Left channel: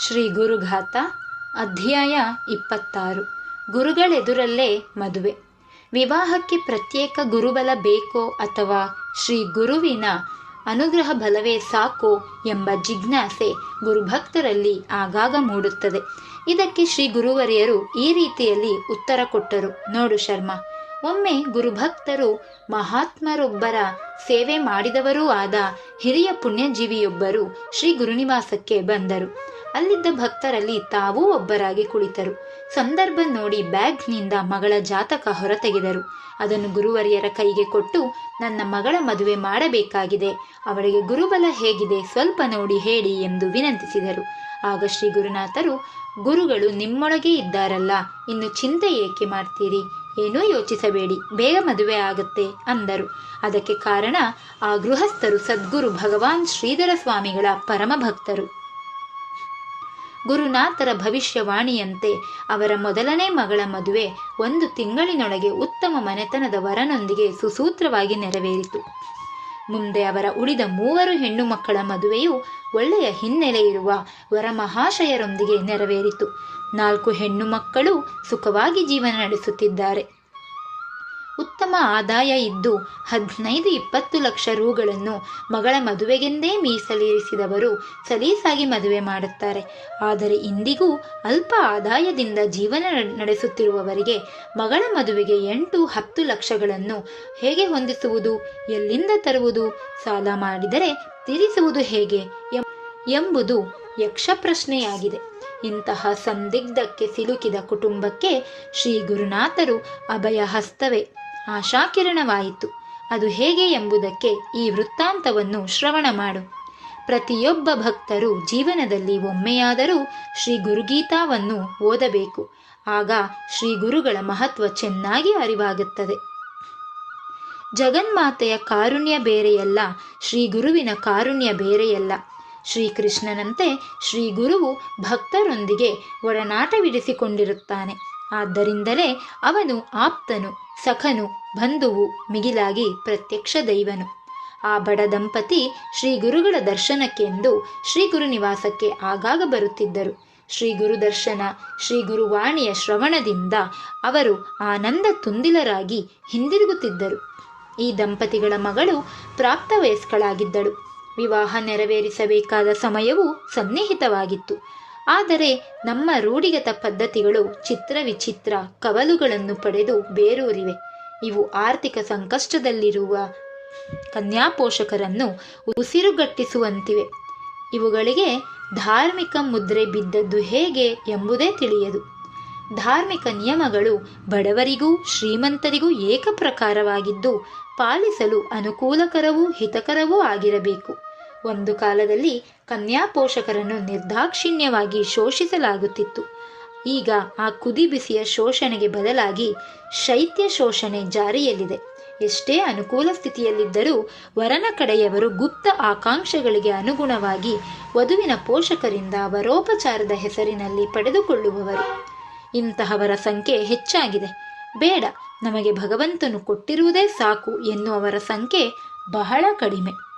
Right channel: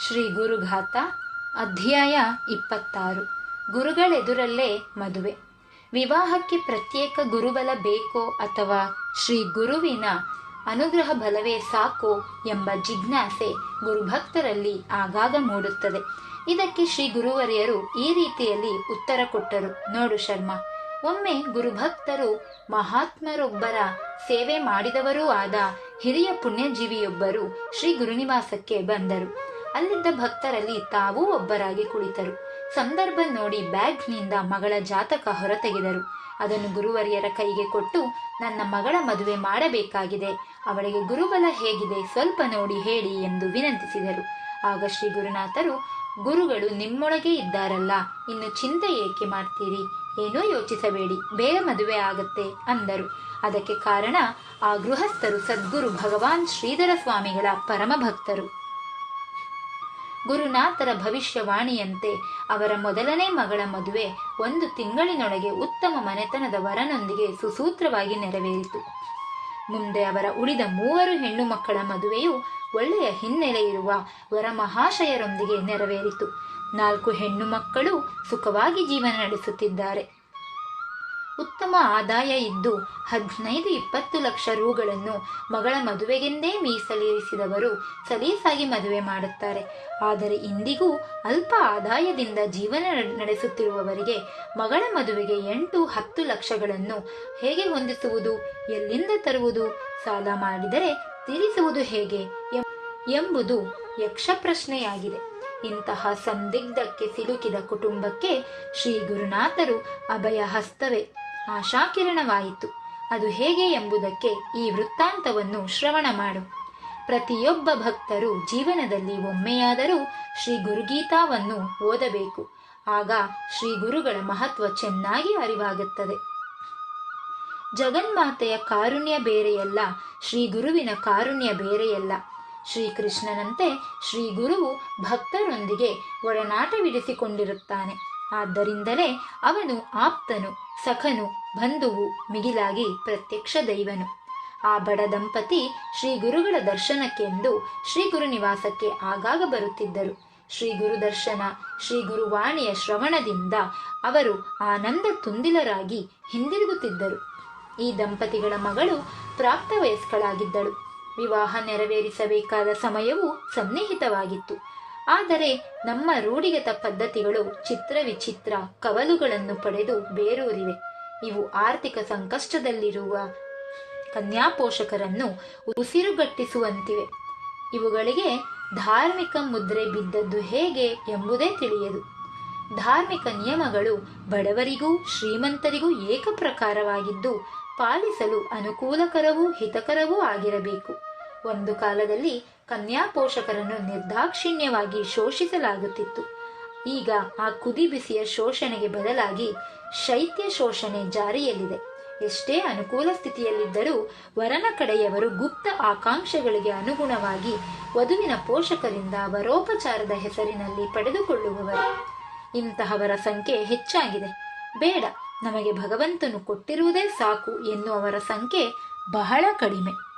ಶ್ರೀ ಗುರುಘಾತ, ಅಧ್ಯಾಯ ಇಪ್ಪತ್ತಾರು. ಗುರುಗಳೆದುರಲ್ಲೇ ಮದುವೆ. ವಿವಾಹಕ್ಕೆ ಪ್ರತ್ಯೇಕ ಗುರುಬಲ ಬೇಕೋ ಅಥವಾ ಶ್ರೀ ಗುರುವಿನ ಅನುಗ್ರಹ ಬಲವೇ ಸಾಕೋ ಎಂಬ ಜಿಜ್ಞಾಸೆ ಗುರುಭಕ್ತರಲ್ಲಿ ಆಗಾಗ ಮೂಡುತ್ತದೆ. ಇದಕ್ಕೆ ಶ್ರೀ ಗುರುವರಿಯರು ಈ ರೀತಿಯಲ್ಲಿ ಉತ್ತರ ಕೊಟ್ಟರು. ನೋಡು ಶರ್ಮ, ಒಮ್ಮೆ ಗುರುಭಕ್ತರು ಮಹಾತ್ಮರೊಬ್ಬರ ಸೇವೆ ಮಾಡಿದವರೂ ಆದ ಹಿರಿಯ ಪುಣ್ಯಜೀವಿಯೊಬ್ಬರು ಶ್ರೀ ಗುರುನಿವಾಸಕ್ಕೆ ಬಂದರು. ಅಲ್ಲಿದ್ದ ಭಕ್ತರಲ್ಲಿ ತಾವೂ ಒಬ್ಬರಾಗಿ ಕುಳಿತರು. ಸಂದರ್ಭ ನೋಡಿ ಬ್ಯಾಗ್ನಿಂದ ಮಗಳ ಜಾತಕ ಹೊರತೆಗೆದರು. ಅದನ್ನು ಗುರುವರಿಯರ ಕೈಗೆ ಕೊಟ್ಟು, ನನ್ನ ಮಗಳ ಮದುವೆ ಮಾಡಬೇಕಾಗಿದೆ. ಅವಳಿಗೆ ಗುರುಬಲ ಹೇಗಿದೆ, ಸ್ವಲ್ಪ ನೋಡಿ ಹೇಳಿ ಎಂದು ವಿನಂತಿಸಿದರು. ಆಗ ಶ್ರೀ ಗುರುನಾಥರು ಗುರುಗಳು ನಿಮ್ಮೊಳಗೆ ಇದ್ದಾರಲ್ಲ, ಇನ್ನು ಚಿಂತೆ ಏಕೆ ಮಾಡ್ತೀರಿ? ಏನೂ ಯೋಚಿಸಬೇಡಿ, ಬೇಗ ಮದುವೆ ಆಗತ್ತೆ, ಅಂದರು. ಅದಕ್ಕೆ ಕಾರಣ, ಆ ಗೃಹಸ್ಥರು ಸದ್ಗುರು ಭಗವಾನ್ ಶ್ರೀಧರ ಸ್ವಾಮಿಗಳ ಪರಮ ಭಕ್ತರು ಗುರುನಾಥರ ಭವಿಷ್ಯವಾಣಿಯಂತೆ ಅವರ ಮೊದಲನೇ ಮಗಳ ಮದುವೆ ಒಂದು ತಿಂಗಳಿನೊಳಗೆ ಉತ್ತಮ ಮನೆತನದ ವರನೊಂದಿಗೆ ಸುಸೂತ್ರವಾಗಿ ನೆರವೇರಿತು. ಮುಂದೆ ಅವರ ಉಳಿದ ಮೂವರು ಹೆಣ್ಣು ಮಕ್ಕಳ ಮದುವೆಯು ಒಳ್ಳೆಯ ಹಿನ್ನೆಲೆ ಇರುವ ವರಮಹಾಶಯರೊಂದಿಗೆ ನೆರವೇರಿತು. ನಾಲ್ಕು ಹೆಣ್ಣು ಮಕ್ಕಳು ಸುಖವಾಗಿ ಜೀವನ ನಡೆಸುತ್ತಿದ್ದಾರೆ. ಉತ್ತಮ ಆದಾಯ ಇದ್ದು ಹದಿನೈದು ಇಪ್ಪತ್ತು ಲಕ್ಷ ರೂಗಳನ್ನು ಮಗಳ ಮದುವೆಗೆಂದೇ ಮೀಸಲಿರಿಸಿದವರು ಸಲೀಸಾಗಿ ಮದುವೆ ಮಾಡುತ್ತಾರೆ. ಆದರೆ ಇಂದಿಗೂ ಅಲ್ಪ ಆದಾಯದಿಂದ ಜೀವನ ನಡೆಸುತ್ತಿರುವವರಿಗೆ ಮಗಳ ಮದುವೆಗೆ ಎಂಟು ಹತ್ತು ಲಕ್ಷಗಳನ್ನು ಹೇಗೆ ಹೊಂದಿಸುವುದು, ಎಲ್ಲಿಂದ ತರುವುದು, ಸಾಲ ಮಾಡಿದರೆ ತೀರಿಸುವುದು ಹೇಗೆ ಎಂಬುದು ಯಕ್ಷ ಪ್ರಶ್ನೆಯಾಗಿದೆ ಇಂತಹ ಸಂದಿಗ್ಧಕ್ಕೆ ಸಿಲುಕಿದ ಕುಟುಂಬಕ್ಕೆ ಶ್ರೀ ಗುರುನಾಥರು ಅಭಯ ಹಸ್ತವೇ. ಆಶಾಕಿರಣವಾಯಿತು ಅದು ಹೇಗೆ ಎಂಬುದಕ್ಕೆ ಈ ವೃತ್ತಾಂತವನ್ನು ಶ್ರವಣ ಮಾಡು. ಪ್ರತಿಯೊಬ್ಬ ಭಕ್ತರು ಜೀವನದಲ್ಲಿ ಒಮ್ಮೆಯಾದರೂ ಶ್ರೀ ಗುರುಗೀತಾವನ್ನು ಓದಬೇಕು. ಆಗ ಶ್ರೀ ಗುರುಗಳ ಮಹತ್ವ ಚೆನ್ನಾಗಿ ಅರಿವಾಗುತ್ತದೆ. ಜಗನ್ಮಾತೆಯ ಕಾರುಣ್ಯ ಬೇರೆಯಲ್ಲ, ಶ್ರೀ ಗುರುವಿನ ಕಾರುಣ್ಯ ಬೇರೆಯಲ್ಲ. ಶ್ರೀಕೃಷ್ಣನಂತೆ ಶ್ರೀ ಗುರುವು ಭಕ್ತರೊಂದಿಗೆ ಒಡನಾಟವಿರಿಸಿಕೊಂಡಿರುತ್ತಾನೆ. ಆದ್ದರಿಂದಲೇ ಅವನು ಆಪ್ತನು, ಸಖನು, ಬಂಧುವು, ಮಿಗಿಲಾಗಿ ಪ್ರತ್ಯಕ್ಷ ದೈವನು. ಆ ಬಡ ದಂಪತಿ ಶ್ರೀ ಗುರುಗಳ ದರ್ಶನಕ್ಕೆಂದು ಶ್ರೀ ಗುರು ನಿವಾಸಕ್ಕೆ ಆಗಾಗ ಬರುತ್ತಿದ್ದರು. ಶ್ರೀ ಗುರು ದರ್ಶನ ಶ್ರೀ ಗುರುವಾಣಿಯ ಶ್ರವಣದಿಂದ ಅವರು ಆನಂದ ತುಂದಿಲರಾಗಿ ಹಿಂದಿರುಗುತ್ತಿದ್ದರು. ಈ ದಂಪತಿಗಳ ಮಗಳು ಪ್ರಾಪ್ತ ವಯಸ್ಕಳಾಗಿದ್ದಳು ವಿವಾಹ ನೆರವೇರಿಸಬೇಕಾದ ಸಮಯವು ಸನ್ನಿಹಿತವಾಗಿತ್ತು. ಆದರೆ ನಮ್ಮ ರೂಢಿಗತ ಪದ್ಧತಿಗಳು ಚಿತ್ರ ವಿಚಿತ್ರ ಕವಲುಗಳನ್ನು ಪಡೆದು ಬೇರೂರಿವೆ. ಇವು ಆರ್ಥಿಕ ಸಂಕಷ್ಟದಲ್ಲಿರುವ ಕನ್ಯಾಪೋಷಕರನ್ನು ಉಸಿರುಗಟ್ಟಿಸುವಂತಿವೆ. ಇವುಗಳಿಗೆ ಧಾರ್ಮಿಕ ಮುದ್ರೆ ಬಿದ್ದದ್ದು ಹೇಗೆ ಎಂಬುದೇ ತಿಳಿಯದು. ಧಾರ್ಮಿಕ ನಿಯಮಗಳು ಬಡವರಿಗೂ ಶ್ರೀಮಂತರಿಗೂ ಏಕಪ್ರಕಾರವಾಗಿದ್ದು ಪಾಲಿಸಲು ಅನುಕೂಲಕರವೂ ಹಿತಕರವೂ ಆಗಿರಬೇಕು. ಒಂದು ಕಾಲದಲ್ಲಿ ಕನ್ಯಾ ಪೋಷಕರನ್ನು ನಿರ್ದಾಕ್ಷಿಣ್ಯವಾಗಿ ಶೋಷಿಸಲಾಗುತ್ತಿತ್ತು. ಈಗ ಆ ಕುದಿಬಿಸಿಯ ಶೋಷಣೆಗೆ ಬದಲಾಗಿ ಶೈತ್ಯ ಶೋಷಣೆ ಜಾರಿಯಲ್ಲಿದೆ. ಎಷ್ಟೇ ಅನುಕೂಲ ಸ್ಥಿತಿಯಲ್ಲಿದ್ದರೂ ವರನ ಕಡೆಯವರು ಗುಪ್ತ ಆಕಾಂಕ್ಷೆಗಳಿಗೆ ಅನುಗುಣವಾಗಿ ವಧುವಿನ ಪೋಷಕರಿಂದ ವರೋಪಚಾರದ ಹೆಸರಿನಲ್ಲಿ ಪಡೆದುಕೊಳ್ಳುವವರು. ಇಂತಹವರ ಸಂಖ್ಯೆ ಹೆಚ್ಚಾಗಿದೆ. ಬೇಡ ನಮಗೆ ಭಗವಂತನು ಕೊಟ್ಟಿರುವುದೇ ಸಾಕು ಎನ್ನುವವರ ಸಂಖ್ಯೆ ಬಹಳ ಕಡಿಮೆ.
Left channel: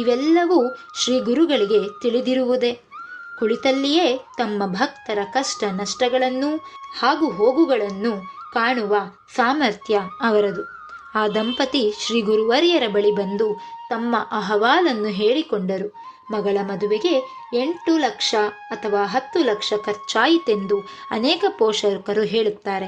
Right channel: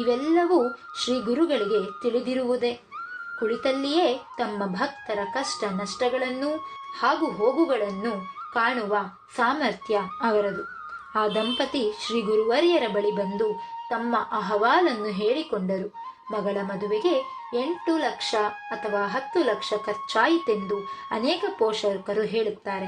ಇವೆಲ್ಲವೂ ಶ್ರೀ ಗುರುಗಳಿಗೆ ತಿಳಿದಿರುವುದೇ. ಕುಳಿತಲ್ಲಿಯೇ ತಮ್ಮ ಭಕ್ತರ ಕಷ್ಟ ನಷ್ಟಗಳನ್ನು ಹಾಗೂ ಹೋಗುಗಳನ್ನು ಕಾಣುವ ಸಾಮರ್ಥ್ಯ ಅವರದು. ಆ ದಂಪತಿ ಶ್ರೀ ಗುರುವರಿಯರ ಬಳಿ ಬಂದು ತಮ್ಮ ಅಹವಾಲನ್ನು ಹೇಳಿಕೊಂಡರು. ಮಗಳ ಮದುವೆಗೆ ಎಂಟು ಲಕ್ಷ ಅಥವಾ ಹತ್ತು ಲಕ್ಷ ಖರ್ಚಾಯಿತೆಂದು ಅನೇಕ ಪೋಷಕರು ಹೇಳುತ್ತಾರೆ.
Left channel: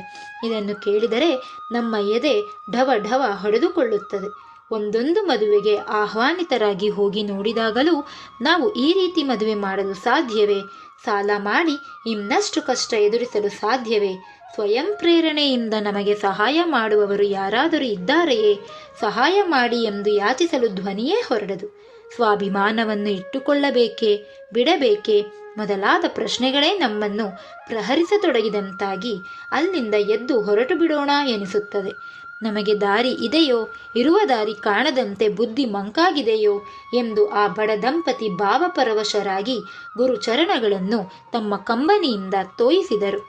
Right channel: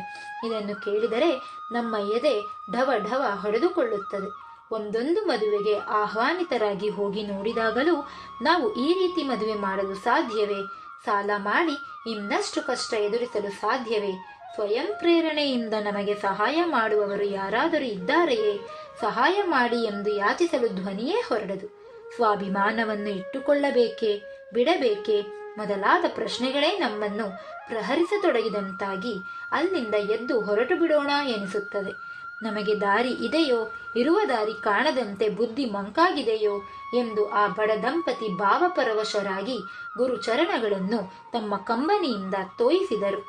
ಇದನ್ನು ಕೇಳಿದರೆ ನಮ್ಮ ಎದೆ ಢವ ಢವ ಹೊಡೆದುಕೊಳ್ಳುತ್ತದೆ. ಒಂದೊಂದು ಮದುವೆಗೆ ಆಹ್ವಾನಿತರಾಗಿ ಹೋಗಿ ನೋಡಿದಾಗಲೂ ನಾವು ಈ ರೀತಿ ಮದುವೆ ಮಾಡಲು ಸಾಧ್ಯವೇ? ಸಾಲ ಮಾಡಿ ಇನ್ನಷ್ಟು ಕಷ್ಟ ಎದುರಿಸಲು ಸಾಧ್ಯವೇ? ಸ್ವಯಂ ಪ್ರೇರಣೆಯಿಂದ ನಮಗೆ ಸಹಾಯ ಮಾಡುವವರು ಯಾರಾದರೂ ಇದ್ದಾರೆಯೇ? ಸಹಾಯ ಮಾಡಿ ಎಂದು ಯಾಚಿಸಲು ಧ್ವನಿಯೇ ಹೊರಡದು. ಸ್ವಾಭಿಮಾನವನ್ನು ಇಟ್ಟುಕೊಳ್ಳಬೇಕೇ, ಬಿಡಬೇಕೇ ಮೊದಲಾದ ಪ್ರಶ್ನೆಗಳೇ ನಮ್ಮನ್ನು ಪ್ರಹರಿಸತೊಡಗಿದಂತಾಗಿ ಅಲ್ಲಿಂದ ಎದ್ದು ಹೊರಟು ಬಿಡೋಣ ಎನಿಸುತ್ತದೆ. ನಮಗೆ ದಾರಿ ಇದೆಯೋ, ಇರುವ ದಾರಿ ಕಾಣದಂತೆ ಬುದ್ಧಿ ಮಂಕಾಗಿದೆಯೋ ಎಂದು ಆ ಬಡ ದಂಪತಿ ಭಾವಪರವಶರಾಗಿ ಗುರುಚರಣಗಳನ್ನು ತಮ್ಮ ಕಂಬನಿಯಿಂದ ತೋಯಿಸಿದರು.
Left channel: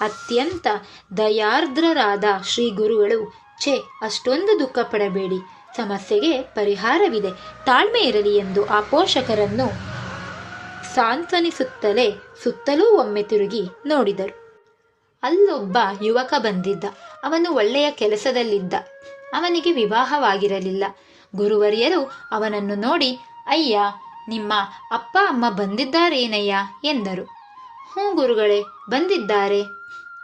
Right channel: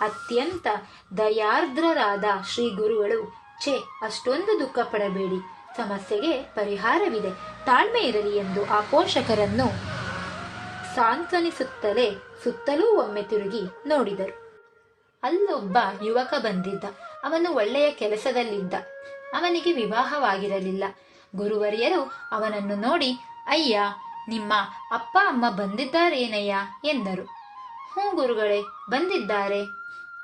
ಅತ್ಯಂತ ದಯಾರ್ದ್ರರಾದ ಶ್ರೀ ಗುರುಗಳು, ಛೇ, ಅಷ್ಟೊಂದು ದುಃಖ ಪಡಬೇಡಿ ಸಮಸ್ಯೆಗೆ ಪರಿಹಾರವಿದೆ. ತಾಳ್ಮೆ ಇರಲಿ ಎಂದು ಆ ಪೋಷಕರನ್ನು ಸಾಂತ್ವನಿಸುತ್ತಲೇ ಸುತ್ತಲೂ ಒಮ್ಮೆ ತಿರುಗಿ ನೋಡಿದರು. ಅಲ್ಲೊಬ್ಬ ಯುವಕ ಬಂದಿದ್ದ. ಅವನು ಒಳ್ಳೆಯ ಕೆಲಸದಲ್ಲಿದ್ದ. ಅವನಿಗೆ ವಿವಾಹವಾಗಿರಲಿಲ್ಲ. ಗುರುವರಿಯರು ಅವನನ್ನು ನೋಡಿ, ಅಯ್ಯ, ನಿಮ್ಮ ಅಪ್ಪ, ಅಮ್ಮ ಬಂದಿದ್ದಾರೇನಯ್ಯ? ಎಂದರು. ಹ್ಞೂ ಗುರುಗಳೇ, ಬಂದಿದ್ದಾರೆ.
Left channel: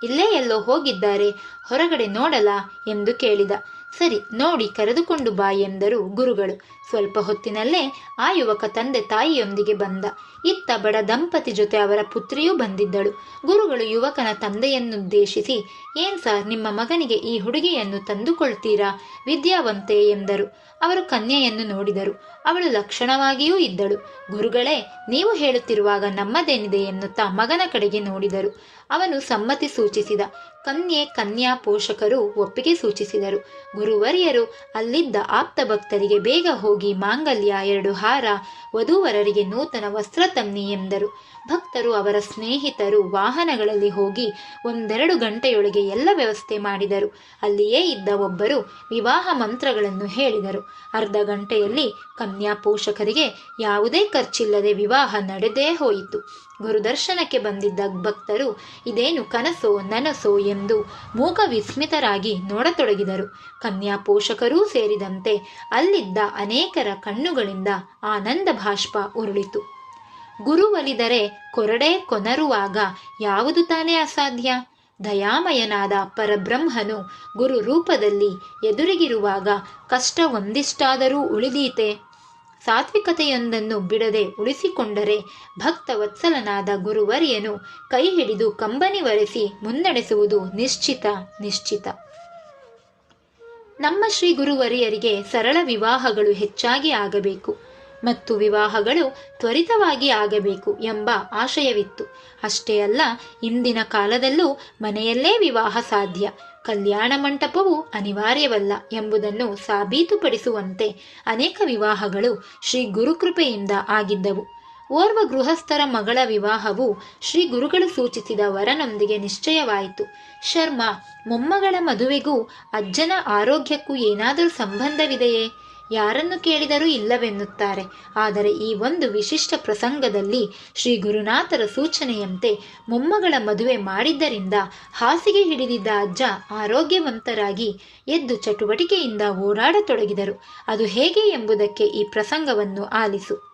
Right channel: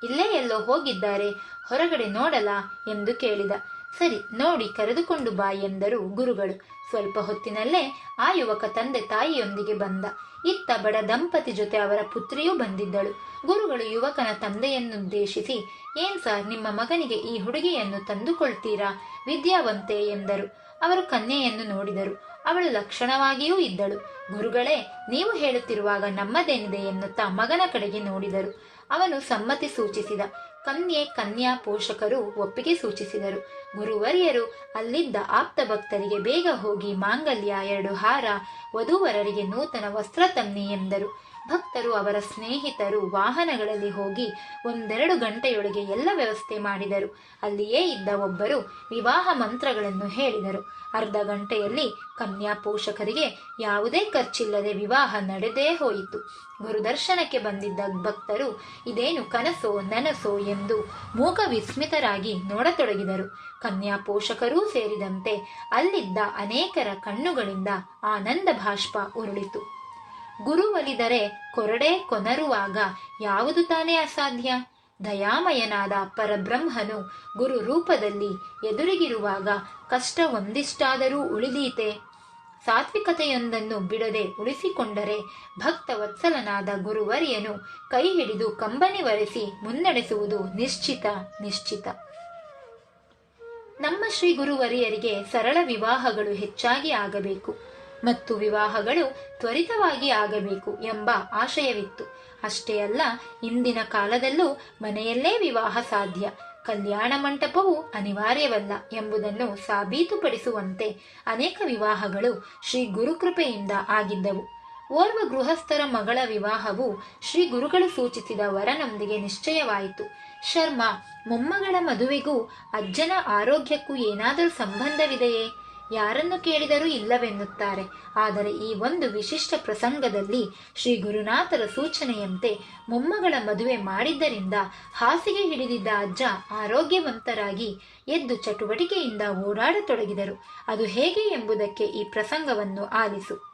ಇಲ್ಲೇ ಎಲ್ಲೋ ಹೋಗಿದ್ದಾರೆ. ಹೊರಗಡೆ ನೋಡಲ? ಎಂದು ಕೇಳಿದ. ಸರಿ, ನೋಡಿ, ಕರೆದುಕೊಂಡು ಬಾ ಎಂದರು ಗುರುಗಳು. ಸ್ವಲ್ಪ ಹೊತ್ತಿನಲ್ಲೇ ಆ ಯುವಕ ತಂದೆ ತಾಯಿಯೊಂದಿಗೆ ಬಂದ. ಇತ್ತ ಬಡ ದಂಪತಿ ಜೊತೆ ಅವರ ಪುತ್ರಿಯೂ ಬಂದಿದ್ದಳು. ಗುರುಗಳು ಯುವಕನ ತಂದೆಯನ್ನುದ್ದೇಶಿಸಿ, ಏನ್ ಸರ್, ನಿಮ್ಮ ಮಗನಿಗೆ ಈ ಹುಡುಗಿಯನ್ನು ತಂದುಕೊಳ್ತೀರಾ? ವಿದ್ಯಾವಂತೆ ಎಂದರು. ಅವರು ಕನ್ಯೆಯನ್ನು ನೋಡಿದರು. ಅವಳು ಲಕ್ಷಣವಾಗಿಯೂ ಇದ್ದಳು. ಗುರುಗಳೇ, ನೀವು ಹೇಳುತ್ತಿರುವಾಗ ನಮ್ಮದೇನಿದೆ ಎನ್ನುತ್ತಾ ಮಗನ ಕಡೆಗೆ ನೋಡಿದರು. ಅವನು ಸಮ್ಮತಿ ಸೂಚಿಸಿದ. ಕನ್ಯೆ, ಕನ್ಯಾ ಪೋಷಕರು ಒಪ್ಪಿಗೆ ಸೂಚಿಸಿದರು. ಗುರುವರಿಯರು ಅಲ್ಲಿದ್ದ ಆಪ್ತ ಭಕ್ತರಿಗೆ ಬೇಗ ಹೋಗಿ ಮಾಂಗಲ್ಯ ಎರಡು ಹಾರ, ವಧುವರರಿಗೆ ನೂತನ ವಸ್ತ್ರ ತನ್ನಿ ಎಂದರು. ಭಕ್ತರು ಅವರ ಸ್ನೇಹಿತರು ವಾಹನಗಳಲ್ಲಿ ಹೋಗಿ ಒಂದೆರಡು ಗಂಟೆಯೊಳಗೆ ಎಲ್ಲ ವ್ಯವಸ್ಥೆ ಮಾಡಿದರು. ಅಲ್ಲಿಯೇ ಇದ್ದ ಒಬ್ಬರು ವಿವಾಹ ಮಂತ್ರಗಳನ್ನು ಹೇಳಿದರು. ಅರ್ಧ ಗಂಟೆಯಲ್ಲಿ ಕನ್ಯಾ ಪೋಷಕರಿಗೆ ಯಾವುದೇ ಖರ್ಚಿಲ್ಲದೆ ವಿವಾಹ ನಡೆದೇ ಹೋಯಿತು. ಗುರುದರ್ಶನಕ್ಕೆ ಬಂದಿದ್ದ ಭಕ್ತರು, ಇದೇನು ಕನಸೋ ನನಸೋ ಎಂದು ಮೂಕ ವಿಸ್ಮಿತರಾಗಿ ನೋಡತೊಡಗಿದರು. ಕನ್ಯಾ ಪೋಷಕರೂ ಸೇರಿದಂತೆ ಅಲ್ಲಿದ್ದ ಅನೇಕರ ಕಣ್ಣುಗಳಿಂದ ಆನಂದ ಭಾಷ್ಪ ಉರುಳಿತು. ಗುರು ಒಲಿದರೆ ಕೊರಡೆ ಕೊನರುವಾಗ ಯಾವುದು ತಾನೇ ಅಸಾಧ್ಯ? ದಯಾಮಯನಾದ ಪರಬ್ರಹ್ಮನು ಗುರು ರೂಪದಲ್ಲಿ ಎದುರಿಗಿರುವಾಗ ಕಷ್ಟ ಒಂದಿಷ್ಟಾದರೂ ಉಳಿದೀತೆ. ಸಾತ್ವಿಕತೆಯೊಂದನ್ನು ಬಿಡದೆ ಉಳಿಸಿಕೊಂಡರೆ ಭಕ್ತ ವತ್ಸಲನಾದ ಗುರುವರಿಯನು ಕೈ ಹಿಡಿದು ಕಂಬನಿ ಒರೆಸಿ ಮುನ್ನಡೆಸುವುದು ನಿಶ್ಚಿತ ನಿಶ್ಚಿತ. ನಮ್ಮ ಶ್ರೀ ಗುರುವರಿಯರಿಗೆ ಸರಳ ವಿವಾಹಗಳು ಹೆಚ್ಚಾಗಿ ಆಗಬೇಕು. ಮತ್ತು ವಿವಾಹಗಳು ತ್ವರಿತವಾಗಿ ಆಗಬೇಕು ಎಂಬ ಆಶಯವಿತ್ತು. ಅಷ್ಟೇ ಅಲ್ಲ, ಇಂದಿನ ಕಾಲದಲ್ಲೂ ಮನೆಯಲ್ಲೇ ವಿವಾಹ ಸಾಧ್ಯ. ಕಲ್ಯಾಣ ಮಂಟಪವು ಅನಿವಾರ್ಯವಲ್ಲ ಎಂಬುದನ್ನು ಸಾಬೀತುಪಡಿಸುವಂತೆ ಅನೇಕ ವಿವಾಹಗಳು ಶ್ರೀ ಗುರುಕೃಪೆಯಿಂದ ಆಗಿದ್ದವು. ಓರ್ವ ಗೃಹಸ್ಥರ ಮಗಳ ವಿವಾಹವು ಶ್ರೀ ಗುರುಗಳು ಸೂಚಿಸಿದ ವರನೊಂದಿಗೆ ನಿಶ್ಚಯವಾಯಿತು. ಶರ್ಮಾ, ಮೊಮ್ಮಗಳ ಮದುವೆಗೂ ಅಜ್ಜನ ಆರೋಗ್ಯಕ್ಕೂ ಏನಾದರೂ ಸಂಬಂಧವಿದೆಯೇ? ಯಾರನ್ನು ಕೇಳಿದರೂ ಇಲ್ಲವೆನ್ನುತ್ತಾರೆ. ಆದರೆ ಈ ಒಂದು ವಿಶಿಷ್ಟ ಪ್ರಸಂಗದಲ್ಲಿ ಶ್ರೀ ಗುರುನಾಥರ ಸೂಚನೆಯಂತೆ ಮೊಮ್ಮಗಳ ಮದುವೆ ಮಾಡಿದ್ದರಿಂದ ಹಾಸಿಗೆ ಹಿಡಿದಿದ್ದ ಅಜ್ಜ ಆರೋಗ್ಯವಂತರಾಗಿ ಎದ್ದು ಚಟುವಟಿಕೆಯಿಂದ ಓಡಾಡತೊಡಗಿದರು. ಅದು ಹೇಗೆ ಎಂಬುದಕ್ಕೆ ಈ ಪ್ರಸಂಗವನ್ನು ಆಲಿಸು.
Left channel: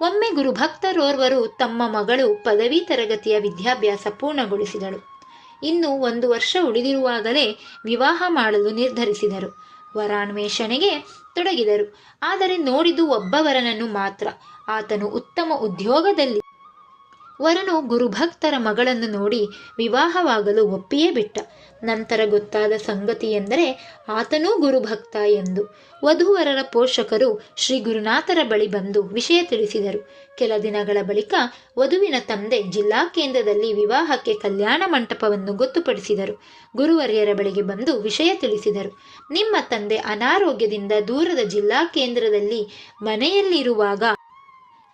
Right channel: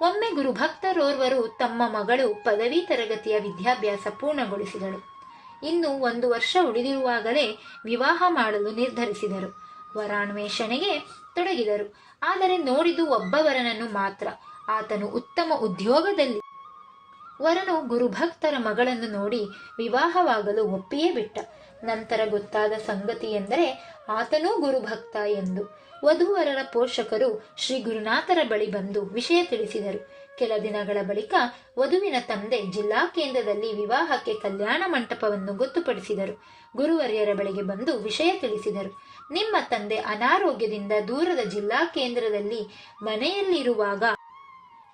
ಒಮ್ಮೆ ಗುರುಭಕ್ತರೋರ್ವರು ತಮ್ಮ ಮಗಳು ಪದವಿ ತರಗತಿಯ ವಿದ್ಯಾಭ್ಯಾಸ ಪೂರ್ಣಗೊಳಿಸಿದಳು ಇನ್ನು ಒಂದು ವರ್ಷ ಉಳಿದಿರುವಾಗಲೇ ವಿವಾಹ ಮಾಡಲು ನಿರ್ಧರಿಸಿದರು. ವರಾನ್ವೇಷಣೆಗೆ ತೊಡಗಿದರು. ಆದರೆ ನೋಡಿದು ಒಬ್ಬವರನನ್ನು ಮಾತ್ರ. ಆತನು ಉತ್ತಮ ಉದ್ಯೋಗದಲ್ಲಿ ವರನು ಗುರುಭಕ್ತರ ಮಗಳನ್ನು ನೋಡಿ ವಿವಾಹವಾಗಲು ಒಪ್ಪಿಯೇ ಬಿಟ್ಟ. ನಂತರ ಗೊತ್ತಾದ ಸಂಗತಿ ಎಂದರೆ ಆತನೂ ಗುರುಭಕ್ತ ಎಂದು. ವಧುವರರ ಪೋಷಕರು ಶ್ರೀ ಗುರುನಾಥರ ಬಳಿ ಬಂದು ವಿಷಯ ತಿಳಿಸಿದರು. ಕೆಲ ದಿನಗಳ ಬಳಿಕ ವಧುವಿನ ತಂದೆ ಜಿಲ್ಲಾ ಕೇಂದ್ರದಲ್ಲಿ ವಿವಾಹಕ್ಕೆ ಕಲ್ಯಾಣ ಮಂಟಪವನ್ನು ಗೊತ್ತುಪಡಿಸಿದರು. ಗುರುವರ್ಯರ ಬಳಿಗೆ ಬಂದು ವಿಷಯ ತಿಳಿಸಿದರು. ನಿಮ್ಮ ತಂದೆ ಅನಾರೋಗ್ಯದಿಂದ ದೂರದ ಜಿಲ್ಲಾ ಕೇಂದ್ರದಲ್ಲಿ ಮನೆಯಲ್ಲಿರುವಾಗ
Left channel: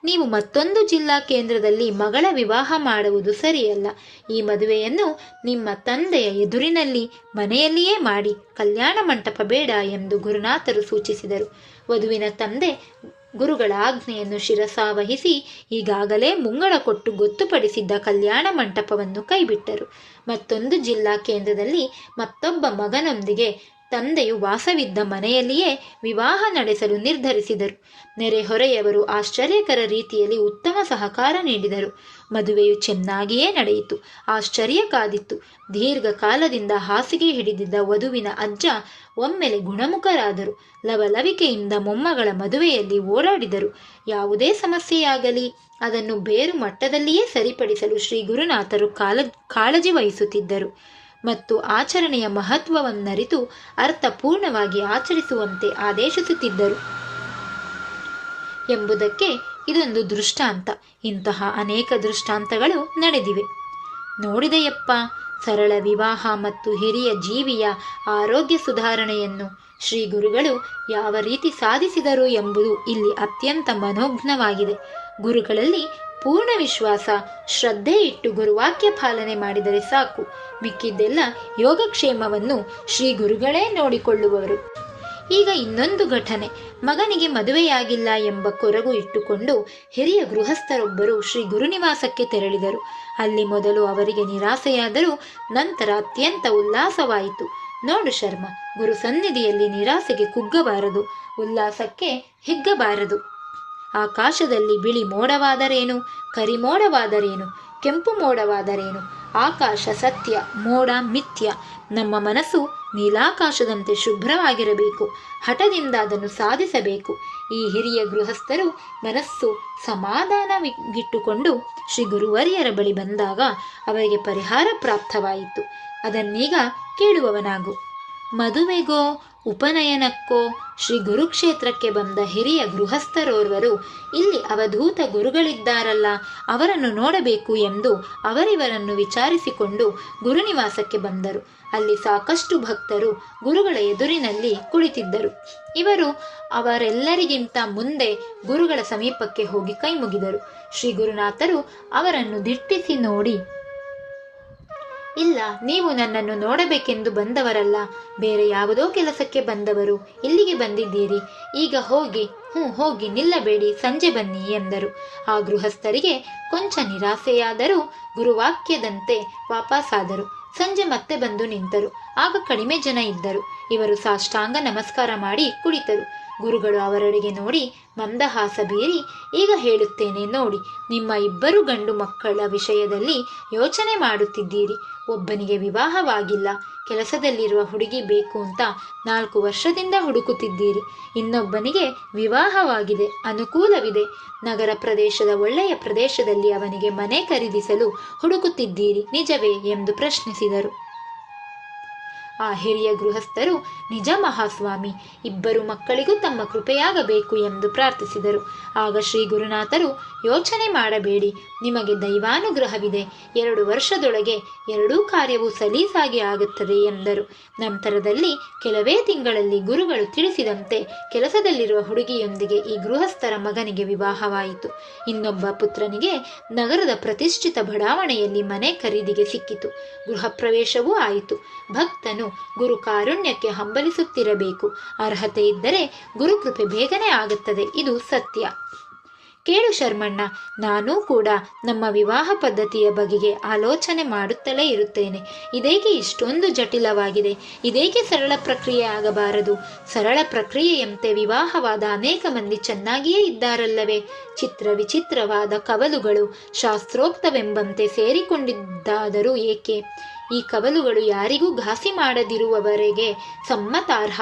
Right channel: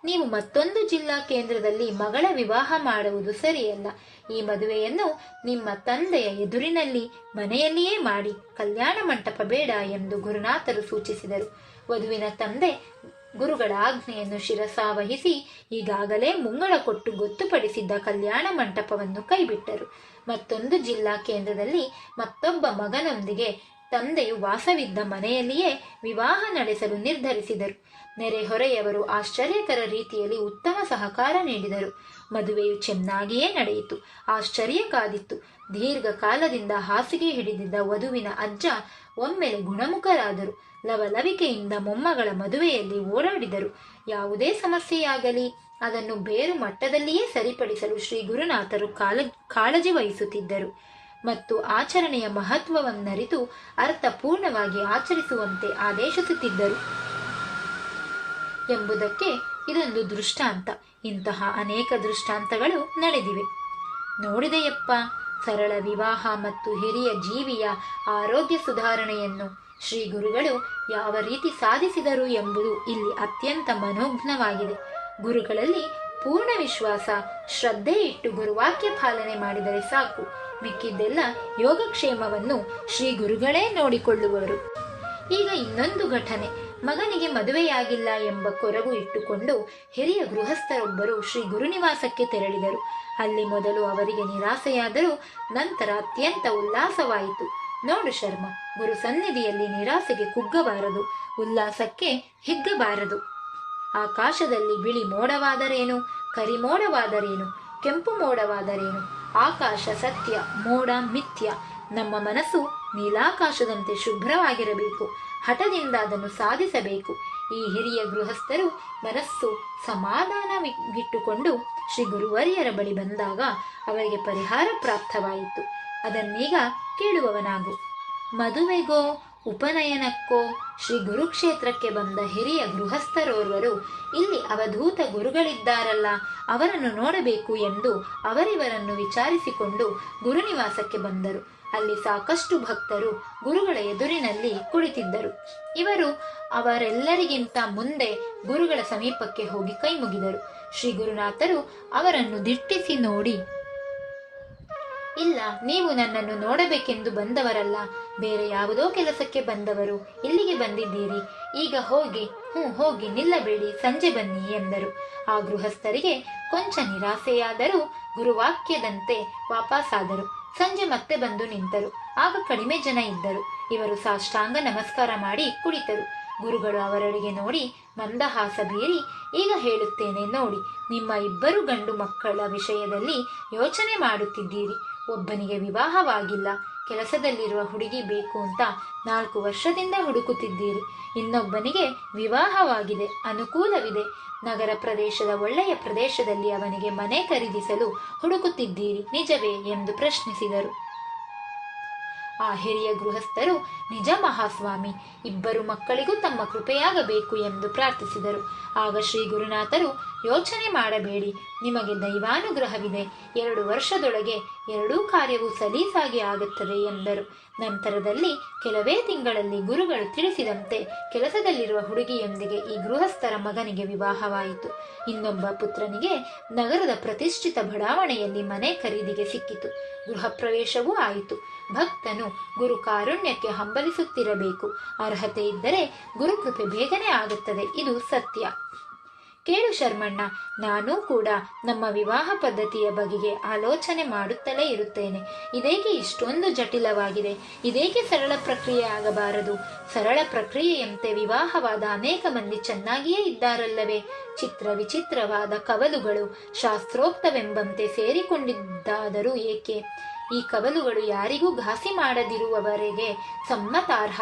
ನೀವು ಮತ್ತೊಂದು ಜಿಲ್ಲಾ ಕೇಂದ್ರದಲ್ಲಿ ಮಗಳ ವಿವಾಹ ಮಾಡುವುದು ಸರಿಯಲ್ಲ. ಈ ಮದುವೆಯನ್ನು ನಿಮ್ಮ ತಂದೆಯ ಎದುರಿನಲ್ಲಿ ಮನೆಯಲ್ಲಿಯೇ ಮಾಡಿ ಕಲ್ಯಾಣ ಮಂಟಪ ಬೇಡ ಎಂದು ಗುರುನಾಥರು ಸೂಚಿಸಿದರು. ವಧುವಿನ ತಂದೆ ಗುರುಗಳ ಆಜ್ಞೆಯನ್ನು ಶಿರಸಾವಹಿಸಿ ಈಗಾಗಲೇ ಮುಂಗಡ ಕೊಟ್ಟು ಗೊತ್ತುಪಡಿಸಿದ್ದ ಕಲ್ಯಾಣ ಮಂಟಪವನ್ನು ಕೈಬಿಟ್ಟರು. ಮತ್ತೊಂದು ಜಿಲ್ಲಾ ಕೇಂದ್ರದಲ್ಲಿ ಮತ್ತೊಬ್ಬ ಮಗನೊಂದಿಗೆ ತಂದೆಯು ವಾಸವಿದ್ದ ಮನೆಯಲ್ಲಿಯೇ ವಿವಾಹ ನಡೆಸಲು ನಿರ್ಧರಿಸಿದರು. ನೆರೆಹೊರೆಯವರು ಆಶ್ಚರ್ಯಕರ ರೀತಿಯಲ್ಲಿ ಉತ್ತಮ ಸಹಕಾರ ನೀಡಿದರು. ಮದುವೆಯು ಚೆನ್ನಾಗಿಯೇ ನಡೆಯಿತು. ಆಶ್ಚರ್ಯ ಕಾದಿತ್ತು. ದೀರ್ಘಕಾಲದಿಂದ ಹಾಸಿಗೆ ಹಿಡಿದಿದ್ದ ವಧುವಿನ ಅಜ್ಜ ಒಮ್ಮೆಲೆ ಗುಣಮುಖರಾದರು. ಲವಲವಿಕೆಯಿಂದ ಮೊಮ್ಮಗಳ ಮದುವೆಯಲ್ಲಿ ಓಡಾಡಿದರು. ಯಾವುದೇ ಸಮಸ್ಯೆಯಾಗಲಿ, ಅದನ್ನು ಬೇರು ಮಟ್ಟದಲ್ಲಿಯೇ ಸರಿಪಡಿಸಲು ಶ್ರೀ ಗುರುನಾಥರು ಕಾಲ, ಕಾಳಜಿ ವಹಿಸುತ್ತಿದ್ದರು. ಮತ್ತು ಆಚರಣೆಯ ಮಹತ್ವವನ್ನರಿತು ಅರ್ಥಪೂರ್ಣವಾಗಿ ಆಚರಿಸುವಂತೆ ಆದೇಶಿಸುತ್ತಿದ್ದರು. ಎಂಬುದಕ್ಕೆ ಇದೊಂದು ದೃಷ್ಟಾಂತ. ಇಂತಹ ಅನೇಕ ದೃಷ್ಟಾಂತಗಳು ನಡೆದಿವೆ. ನೋಡಿದೆಯಪ್ಪ, ಸರಳ ವಿವಾಹ ಮತ್ತು ಹಿರಿಯ ಜೀವಿಯ ಆರೋಗ್ಯ ಸುಧಾರಣೆಯನ್ನು ಶ್ರೀ ಗುರುಗಳು ಯಾವ ರೀತಿ ಸಾಧಿಸಿದರು ಎಂಬುದು ಇಲ್ಲಿ ಅತ್ಯಂತ ಮನೋಘ್ನವಾಗಿದೆ ಗುರುಗಳಲ್ಲಿ ಪೂರ್ಣ ವಿಶ್ವಾಸ, ಶ್ರದ್ಧೆ ಇಟ್ಟು ಗುರುವಾಕ್ಯ ಪಾಲನೆ ಮಾಡಿದರೆ ಸಾಕು. ಮಿಕ್ಕಿದ್ದೆಲ್ಲ ಯೋಗಕ್ಷೇಮವನ್ನು ಶ್ರೀ ಗುರುಗಳೇ ನೋಡಿಕೊಳ್ಳುವರು. ಈಗ ಇನ್ನೊಂದು ಘಟನೆ. ಮಗನಿಗೆ ಮದುವೆಯಾಗಿಲ್ಲ ಎಂಬ ಕೊರಗು ಇಟ್ಟುಕೊಂಡು ಹಿರಿಯ ಗೃಹಸ್ಥರೊಬ್ಬರು ಶ್ರೀ ಗುರುನಿವಾಸಕ್ಕೆ ತೆರಳಿದರು. ಅಲ್ಲಿ ಮೊದಲು ಅವರಿಗೆ ನಿರಾಸೆಯಾದರೂ ನಂತರ ಅತ್ಯಂತ ಉಲ್ಲಾಸವಾಯಿತು. ನೋಡು ಶರ್ಮ, ಗುರು ಸನ್ನಿಧಿಯಲ್ಲಿ ನಿರಾಸೆಗೆ ಕುಗ್ಗಬಾರದು, ಉಲ್ಲಾಸಕ್ಕೆ ಹಿಗ್ಗಬಾರದು. ಆಕಾಶದಲ್ಲಿ ಬಿಳಿ ಮೋಡವಾದರೇನು ಕರಿ ಮೋಡವಾದರೇನು ಕೆಂಪು ಮೋಡವಾದರೇನು ಆಕಾಶ ಸತ್ಯ, ಮೋಡ ಮಿಥ್ಯ. ನಮ್ಮ ಮನಸ್ಸು ನೀಲಾಕಾಶದಂತೆ ಶುಭ್ರವಾಗಿರಬೇಕು. ಹಠದಿಂದ ಅದನ್ನು ಸಾಧಿಸಬೇಕು. ಈ ಹಿರಿಯ ಗೃಹಸ್ಥರು ಮನಸ್ಸು ಸಮಾಧಾನವಿಟ್ಟುಕೊಂಡು ಶ್ರೀ ಗುರುವರಿಯರ ಬಳಿ ಬಂದಾಗ ಅವರಿಗೆ ಪರಿಹಾರ ಪ್ರಾಪ್ತವಾಯಿತು. ಅದನ್ನೀಗ ಕೇಳುವವನಾಗು. ಮದುವೆಗೋ ಉಪನಯನಕ್ಕೋ ಶ್ರೀ ಗುರುಕ್ಷೇತ್ರಕ್ಕೆ ಬಂದ ಹಿರಿಯ ಗೃಹಸ್ಥರೋರ್ವರು, ಇಲ್ಲಿ ಅವಧೂತ ಗುರುಗಳಿದ್ದಾರಲ್ಲ, ಅವರನ್ನು ನೋಡಬೇಕು ಎಂದು ಅವರಿವರನ್ನು ವಿಚಾರಿಸಿಕೊಂಡು ಗುರುನಿವಾಸಕ್ಕೆ ಬಂದರು. ಅಲ್ಲಿ ಸಾಕಷ್ಟು ಭಕ್ತರು ಗುರುಗಳ ಎದುರಿನಲ್ಲಿ ಕುಳಿತಿದ್ದರು. ಇವರು ಅವರೆಲ್ಲರಿಗಿಂತ ಮುಂದೆ ಗುರುಗಳ ಸಮೀಪಕ್ಕೆ ಹೋಗಿ ಕೈ ಮುಗಿದರು ಶ್ರೀ ಗುರುನಾಥರು ಅವರನ್ನು ದಿಟ್ಟಿಸಿ ನೋಡಿ ಇಲ್ಲ, ನೀವು ನನ್ನನ್ನು ನೋಡಬೇಕೆಂದು ಬಂದವರಲ್ಲ. ಬೇರೆ ಯಾವುದೋ ಕೆಲಸಕ್ಕೆ ಬಂದವರು ಇಲ್ಲಿಗೆ ಬಂದಿದ್ದೀರಿ. ಈಗ ಹೋಗಿ, ಹ್ಞೂ, ಹೋಗಿ ನಿಲ್ಲಬೇಡಿ, ಸಂಜೆ ಬನ್ನಿ ಎಂದರು. ಆ ಗೃಹಸ್ಥರಿಗೆ ಕೊಂಚ ನಿರಾಸೆಯಾದರೂ ಗುರುವಾಕ್ಯದಂತೆ ವಾಪಸ್ಸಾದರು ಸಂಜೆ ಮತ್ತೆ ಬಂದು ನಿಂತರು. ಆಗ ಕಡಿಮೆ ಜನ ಇದ್ದರು. ಇವರು ಸಾಷ್ಟಾಂಗ ನಮಸ್ಕಾರ ಮಾಡಿ ಕುಳಿತರು. ಗುರುಗಳು ಅವರೆಡೆಗೆ ನೋಡಿ ಮಂದಹಾಸ ಬೀರಿ ಈಗ ಹೇಳುತ್ತೇನೆ ನೋಡಿ, ನಿಮ್ಮ ಇಬ್ಬರು ಗಂಡು ಮಕ್ಕಳ ವಿಷಯದಲ್ಲಿ ಯೋಚನೆ ಮಾಡುತ್ತಿದ್ದೀರಿ. ಒಬ್ಬನಿಗೆ ವಿವಾಹವಾಗಿಲ್ಲ, ಕೆಲಸದಲ್ಲಿರುವ ಹುಡುಗಿ ಬೇಕು ಅಂತ ನಾಲ್ಕು ವರ್ಷದಿಂದ ಹುಡುಕುತ್ತಿದ್ದೀರಿ. ಇನ್ನೊಬ್ಬನಿಗೆ ವಿವಾಹವಾಗಿದೆ, ಅನುಕೂಲವಿದೆ. ನಗರ ಪ್ರದೇಶದ ಒಳ್ಳೆಯ ಪ್ರದೇಶದಲ್ಲಿ ಅವನಿಗೆ ಮನೆ ಖರೀದಿಸಲು ಹುಡುಕುತ್ತಿದ್ದೀರಿ, ನಿಜವೇ ಎಂದು ಪ್ರಶ್ನಿಸಿದರು. ಆ ಹಿರಿಯ ಗೃಹಸ್ಥರು ನಿಜ ಮಹಾಸ್ವಾಮಿ ಇಬ್ಬರು ಮಕ್ಕಳಿಗೂ ತಮ್ಮ ಕೃಪೆಯಾಗಬೇಕು ಎಂದು ಪ್ರಾರ್ಥಿಸಿದರು. ಆಗ ಶ್ರೀ ಗುರುನಾಥರು ಯೋಚನೆ ಮಾಡಬೇಡಿ. ನಿಮಗೆ ದೈವಾನುಗ್ರಹವಿದೆ. ಎರಡು ವರ್ಷದೊಳಗೆ ಎರಡೂ ಕಾರ್ಯವು ಸಲೀಸಾಗಿ ಆಗುತ್ತದೆ ಎಂದರು. ನಂತರದಲ್ಲಿ ಕೆಲವೇ ತಿಂಗಳಲ್ಲಿ ಗುರುಗಳು ತಿಳಿಸಿದಂತೆ ಕೆಲಸದಲ್ಲಿರುವ ಹುಡುಗಿಯೊಂದಿಗೆ ಈ ಗೃಹಸ್ಥರ ಮಗನಿಗೆ ವಿವಾಹವಾಯಿತು. ಇನ್ನೊಬ್ಬ ಪುತ್ರನಿಗೆ ನಗರದ ಪ್ರತಿಷ್ಠಿತ ಬಡಾವಣೆಯಲ್ಲಿ ಮನೆ ಖರೀದಿಗೆ ಸಿಕ್ಕಿತು. ಗೃಹ ಪ್ರವೇಶವೂ ಆಯಿತು. ಭಕ್ತನು ಗುರು ಕಾರುಣ್ಯಕ್ಕೆ ಹಂಬಲಿಸುತ್ತಿರಬೇಕು. ಅರ್ಹತೆ ಇದ್ದರೆ ಗುರುಕೃಪೆ ಬೇಗನೆ ಆಗುತ್ತದೆ. ಇದು ಸತ್ಯ. ಕೇಳು ಶರ್ಮಣ್ಣ, ನಾನೂ ಕೂಡ ನಮ್ಮ ವಿವಾಹ ಪದ್ಧತಿಯ ಬಗೆಗೆ ಆಲೋಚನೆ ಮಾಡುತ್ತಲೇ ಇರುತ್ತೇನೆ. ಇದೇಕೆ ಇಷ್ಟೊಂದು ಜಟಿಲವಾಗಿದೆ? ಇದೇಕೆ ಸರಳ ಪ್ರಕ್ರಿಯೆ ಆಗಬಾರದು? ಸರಳ ಪ್ರಕ್ರಿಯೆಯಂತೆ ವಿವಾಹವಾದ ಅನೇಕ ಮಂದಿ ಚೆನ್ನಾಗಿಯೇ ಇದ್ದಾರಲ್ಲವೇ? ಚಿತ್ರ ವಿಚಿತ್ರವಾದ ಕವಲುಗಳು ಶಾಸ್ತ್ರೋಕ್ತವೆಂಬಂತೆ ಸೇರಿಕೊಂಡಿದ್ದಾದರೂ ಏಕೆ? ಈ ಕವಲುಗಳು ಯಾರಿಗೂ ಘಾಸಿ ಮಾಡದಿರುವವರೆಗೆ ಸಮ್ಮತಾರ್ಹ.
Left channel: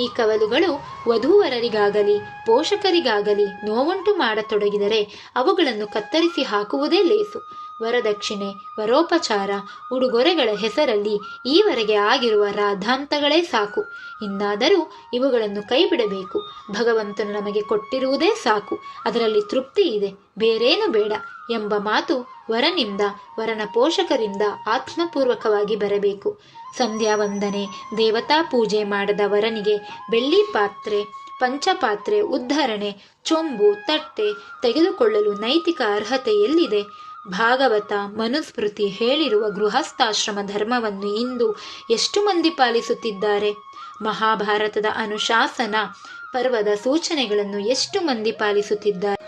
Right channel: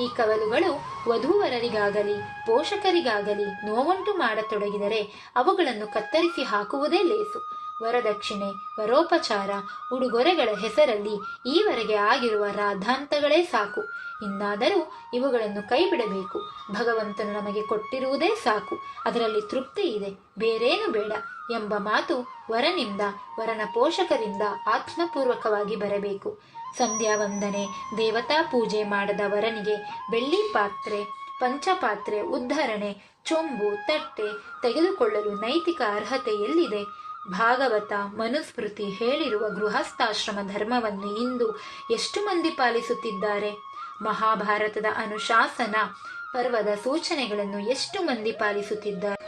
ಈ ಕವಲುಗಳು ವಧುವರರಿಗಾಗಲಿ, ಪೋಷಕರಿಗಾಗಲಿ ನೋವುಂಟು ಮಾಡತೊಡಗಿದರೆ ಅವುಗಳನ್ನು ಕತ್ತರಿಸಿ ಹಾಕುವುದೇ ಲೇಸು. ವರದಕ್ಷಿಣೆ, ವರೋಪಚಾರ, ಉಡುಗೊರೆಗಳ ಹೆಸರಲ್ಲಿ ಈವರೆಗೆ ಆಗಿರುವ ರಾಧಾಂತಗಳೇ ಸಾಕು. ಇನ್ನಾದರೂ ಇವುಗಳನ್ನು ಕೈಬಿಡಬೇಕು. ಭಗವಂತನು ನಮಗೆ ಕೊಟ್ಟಿರುವುದೇ ಸಾಕು. ಅದರಲ್ಲಿ ತೃಪ್ತಿ ಇದೆ, ಬೇರೇನು ಬೇಡ ಎಂಬ ಮಾತು ವರನಿಂದ, ವರನ ಪೋಷಕರಿಂದ ಆತ್ಮಪೂರ್ವಕವಾಗಿ ಬರಬೇಕು. ಸಂಧ್ಯಾ ವಂದನೆ ದೇವತಾ ಪೂಜೆ ಮಾಡದ ವರನಿಗೆ ಬೆಳ್ಳಿ ಪಾತ್ರೆ, ಪಂಚಪಾತ್ರೆ, ಉದ್ಧರಣೆ, ಚೊಂಬು, ತಟ್ಟೆ ತೆಗೆದುಕೊಳ್ಳಲು ನೈತಿಕ ಅರ್ಹತೆ ಎಲ್ಲಿದೆ ಭಾಗವತ ಮನುಸ್ಮೃತಿ ಹೇಳಿರುವ ಗೃಹಸ್ಥಾಶ್ರಮ ಧರ್ಮವನ್ನು ಇಂದು ಎಷ್ಟು ಮಂದಿ ಪಾಲಿಸುತ್ತಿದ್ದಾರೆ? ಮಹಾಭಾರತದ ಅನುಶಾಸನ ಪರ್ವದ ಸೂಚನೆಗಳನ್ನು ಎಷ್ಟು ಮಂದಿ ಪಾಲಿಸುತ್ತಿದ್ದಾರೆ?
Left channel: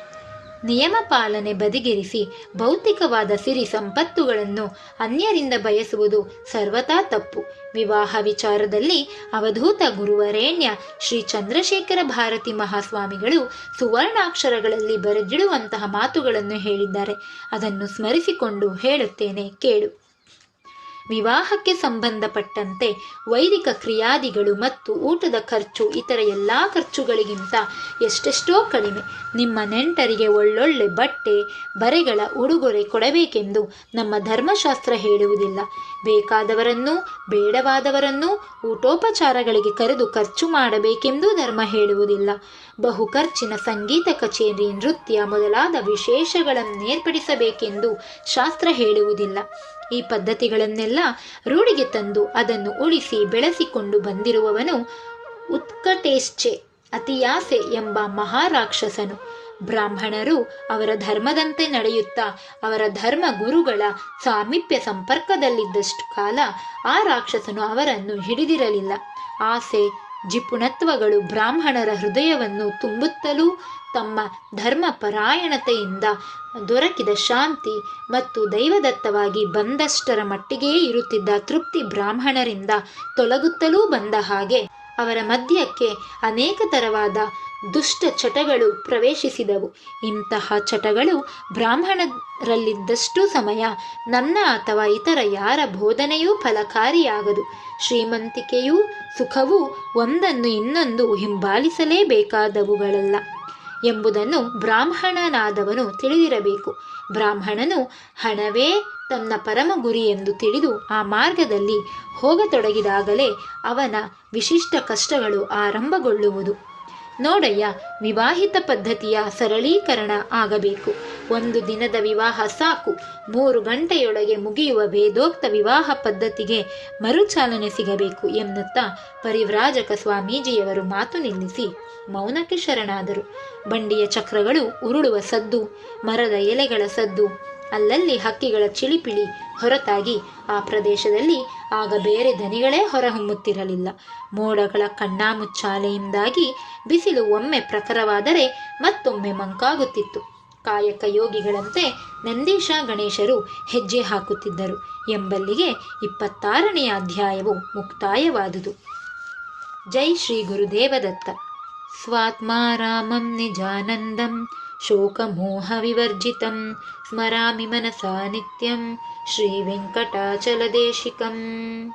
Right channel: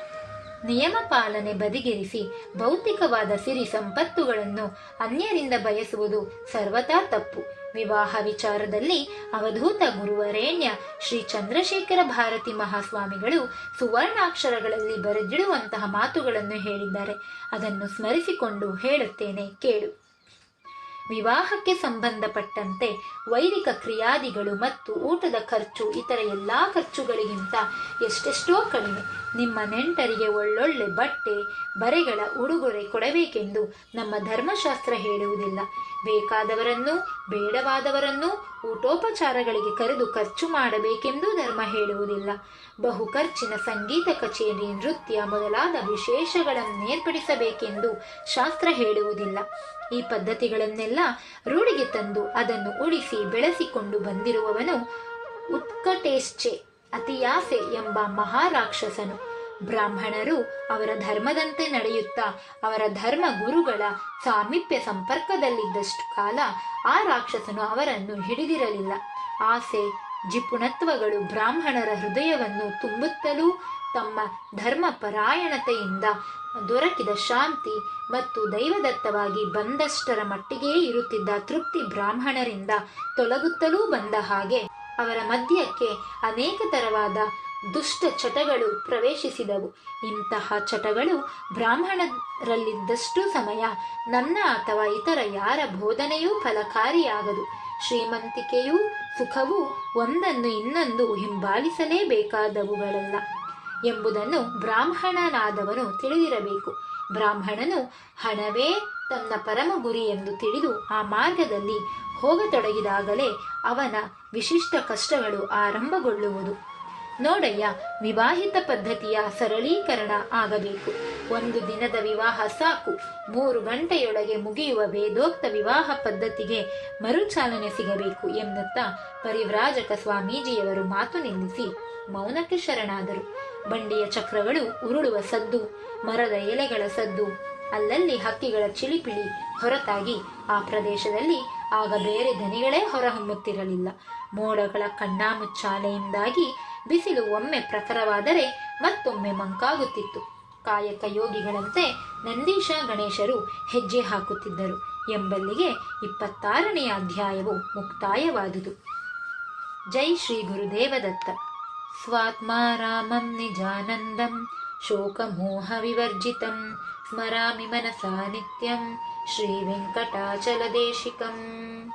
ನಿಯಮ ಪಾಲನೆ ಬದಿಗಿರಿಸಿ ಭೌತಿಕವಾದ ಸಿರಿ ಸಂಪತ್ತುಗಳನ್ನು ಅನ್ಯರಿಂದ ಬಯಸುವುದು ಸರ್ವತಾ ತಪ್ಪು. ವಿವಾಹ ವಿಚಾರದಲ್ಲಿ ಅವಧೂತ ಗುರುವರೇಣ್ಯ ಶ್ರೀ ಚಂದ್ರಶೇಖರ ಭಾರತಿ ಮಹಾಸ್ವಾಮಿಗಳು ಸುವರ್ಣಾಕ್ಷರಗಳಲ್ಲಿ ಬರೆದಿಡುವಂತಹ ಮಾತುಗಳನ್ನು ಹೇಳಿದ್ದಾರೆ. ಅದನ್ನು ಸ್ಮರಿಸಿಕೊಂಡು ಹೇಳುತ್ತೇನೆ, ಕೇಳು. ವಿವಾಹಕ್ಕೆ ಸಂಬಂಧಪಟ್ಟಂತೆ ವೈದಿಕ ಕ್ರಿಯಾದಿಗಳು ಮತ್ತು ಊಟದ ಖರ್ಚು ಇತರ ಎಲ್ಲ ಖರ್ಚುಗಳಿಗಿಂತ ಎಷ್ಟೆಷ್ಟೋ ಕಡಿಮೆ. ನಿಮ್ಮ ನೆಂಟರಿಗೆ ಒಳ್ಳೊಳ್ಳೆ ಬಟ್ಟೆ, ಬರೆಗಳ ಉಡುಗೊರೆ ಕೊಡಬೇಕೆಂದು ನಮ್ಮ ಧರ್ಮಶಾಸ್ತ್ರ ಹೇಳುವುದಿಲ್ಲ. ಬೇಕಾದವರನ್ನೂ, ಬೇಡವಾದವರನ್ನೂ ಊಟೋಪಚಾರಗಳಿಗೆ ಕರೆದು ಖರ್ಚು ಮಾಡಬೇಕೆಂದೂ ಧರ್ಮ ಹೇಳುವುದಿಲ್ಲ. ಬಹು ಖರ್ಚಿನ ಸಂಗೀತ ಕಚೇರಿ, ನೃತ್ಯ ಮೊದಲಾದ ವಿಶೇಷಗಳನ್ನು ವಿಶೇಷಗಳನ್ನೇರ್ಪಡಿಸಬೇಕೆಂದು ಶಾಸ್ತ್ರ ಹೇಳುವುದಿಲ್ಲ. ಈ ಪದ್ಧತಿಗಳನ್ನೆಲ್ಲ ರೂಢಿಗೆ ತಂದು ಅದನ್ನು ಉಳಿಸಿ ಬೆಳೆಸಿಕೊಂಡು ಬಂದಿರುವವನು ಉತ್ಕಟೇಶ್ಚೆ, ಅತಿಯಾಸೆ ಎಂಬ ಮಹಾರಾಕ್ಷಸನು. ಬ್ರಾಹ್ಮಣರು ಅವರ ಧರ್ಮದಂತೆ ನಡೆಯುತ್ತಾ ಅವರ ಧರ್ಮ ಗುರುಗಳ ಸಾಮೀಪ್ಯ ಸಂಪರ್ಕದಲ್ಲಿದ್ದಷ್ಟು ಕಾಲ ಆ ರಾಕ್ಷಸನು ಅವರನ್ನು ಹಿಡಿದಿರಲಿಲ್ಲ. ಆಸೆ, ಜಿಪುಣತ್ವಗಳು ಬ್ರಾಹ್ಮಣರ ಹೃದಯವನ್ನು ತುಂಬುತ್ತಲೂ ತಮ್ಮ ಧರ್ಮ ಪರಾಯಣತೆಯಿಂದ ದೊರಕಿದ ಶಾಂತಿ ಮತ್ತು ದೈವದತ್ತವಾಗಿ ಬಂದಷ್ಟರ ಮಟ್ಟಿಗೇ ಇರುತ್ತಿದ್ದ ತೃಪ್ತಿ ಬ್ರಾಹ್ಮಣರಿಂದ ತೊಲಗುತ್ತಲೂ ಬಂದ ಹಾಗೆ ಅವರ ಮಧ್ಯಕ್ಕೆ ಅನೇಕ ತರವಾದ ದುಷ್ಟ ಚಟಗಳು ಪ್ರವೇಶಿಸಿದವು. ಇಂತಹ ಚಟಗಳು ಬ್ರಾಹ್ಮಣರಲ್ಲಿದ್ದಷ್ಟು ಸಮಯ ನನ್ನ ಅಥವಾ ಇತರ ಯಾರ ಬೋಧನೆಯೂ ಫಲಕಾರಿಯಾಗದು. ಶ್ರೀಮಂತಿಕೆಯೂ ಸುಖವೂ ಒಂದನ್ನು ಇನ್ನೊಂದು ಹಿಂಬಾಲಿಸಲೇಬೇಕಾದವುಗಳಲ್ಲ. ಎಂಬುದನ್ನು ಬ್ರಾಹ್ಮಣನಾದವನು ತಿಳಿದಿರಬೇಕು. ಬ್ರಾಹ್ಮಣನು, ಹಣವೇ ತನ್ನ ಪರಮ ಗುರಿ ಎಂದು ತಿಳಿದು ಆ ಮಾರ್ಗದಲ್ಲಿ ಹೋಗತೊಡಗಿದಾಗಲೇ ಅವನ ವಿಶಿಷ್ಟ ಕಷ್ಟಗಳು ಆರಂಭಗೊಳ್ಳುವುದು. ನೋಡಯ್ಯ, ವಿವಾಹಿತ ಪದ್ಧತಿಯ ಸರಳೀಕರಣ ಆಗಬೇಕು. ಒಂದು ದಿನದ ವಿವಾಹ ಸಾಕು. ಮೂರು ಗಂಟೆಯೊಳಗೆ ಮುಗಿಯುವ ವೇದೋಕ್ತ ವಿವಾಹ ಪದ್ಧತಿಗೆ ಮರುಚಾಲನೆ ಸಿಗಬೇಕು ಎನ್ನುತ್ತಾ ಪರಿವ್ರಾಜಕ ಸ್ವಾಮೀಜಿಯವರು ಮಾತು ನಿಲ್ಲಿಸಿ ಮೌನಕ್ಕೆ ಶರಣಾದರು. ಬಂಡಿಯ ಚಕ್ರಗಳು ಉರುಳುವ ಸದ್ದು, ಮರದ ಎಲೆಗಳ ಸದ್ದು. ಅಲ್ಲಲ್ಲಿ ಹಕ್ಕಿಗಳ ಚಿಳಿಪಿಳಿ ಹೊರತಾಗಿ ಆ ಪ್ರದೇಶದಲ್ಲಿ ಆಗ ಬೇರೆ ದನಿಗಳೇ ಹೊರಹೊಮ್ಮುತ್ತಿರಲಿಲ್ಲ. ಮೋಡಗಳ ಕಣ್ಣಾಮುಚ್ಚಾಲೆಯಿಂದಾಗಿ ಬಿಸಿಲು ಒಮ್ಮೆ ಪ್ರಖರವಾದರೆ ಮತ್ತೊಮ್ಮೆ ಮಂಕಾಗುತ್ತಿತ್ತು. ಕಾಯಕ ಯೋಗಿಗಳಂತೆ ನಂದೀಶ ಗಣೇಶರು ಹೆಜ್ಜೆ ಹಾಕುತ್ತಿದ್ದರು. ಎಂಬಲ್ಲಿಗೆ ಇಪ್ಪತ್ತಾರನೆಯ ಅಧ್ಯಾಯವು ಮುಕ್ತಾಯವಾದುದು. ಜೈ ಶ್ರೀ ಗುರುದೇವದತ್ತ. स्वात्मा रामं निजानन्दं शोकमोहविवर्जितं स्मरामि मनसा नित्यं श्रीवेङ्कटाचलदेशिकम्।